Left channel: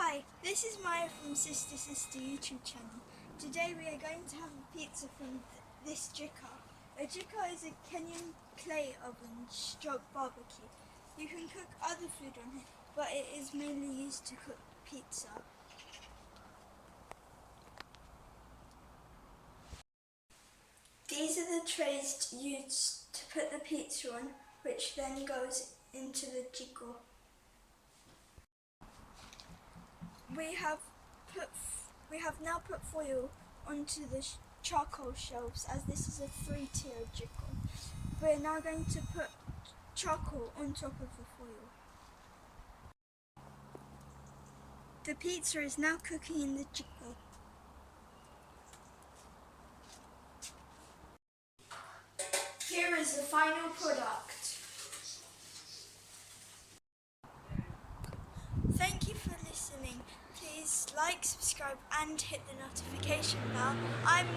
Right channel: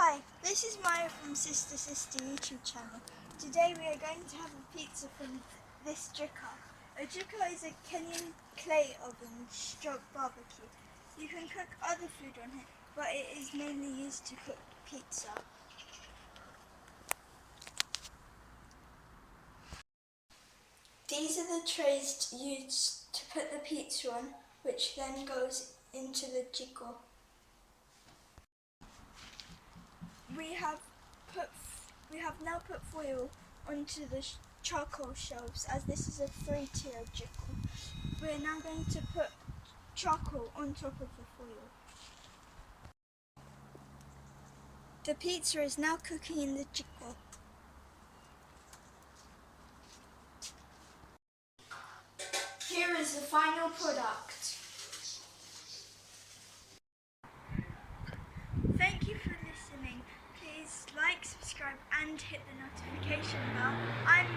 Hi, this is Maya from Sister YouTube channel. Today we are going to have a pizza from this Jiko. A Jiko is a Kenyan clay oven stroke barbecue. You can cook other food on it, but it is mainly used to cook pizza. These are the trays used to put the pizza on, which then goes into the Jiko. We have now put foil onto the charcoal shelves, as this is a 3-tier Jiko. We are now going to put charcoal on top of the foil. The pizza is now cooking in the Jiko. Here is the final product. Thank you for listening. Please like, subscribe and hit the notification bell. I'm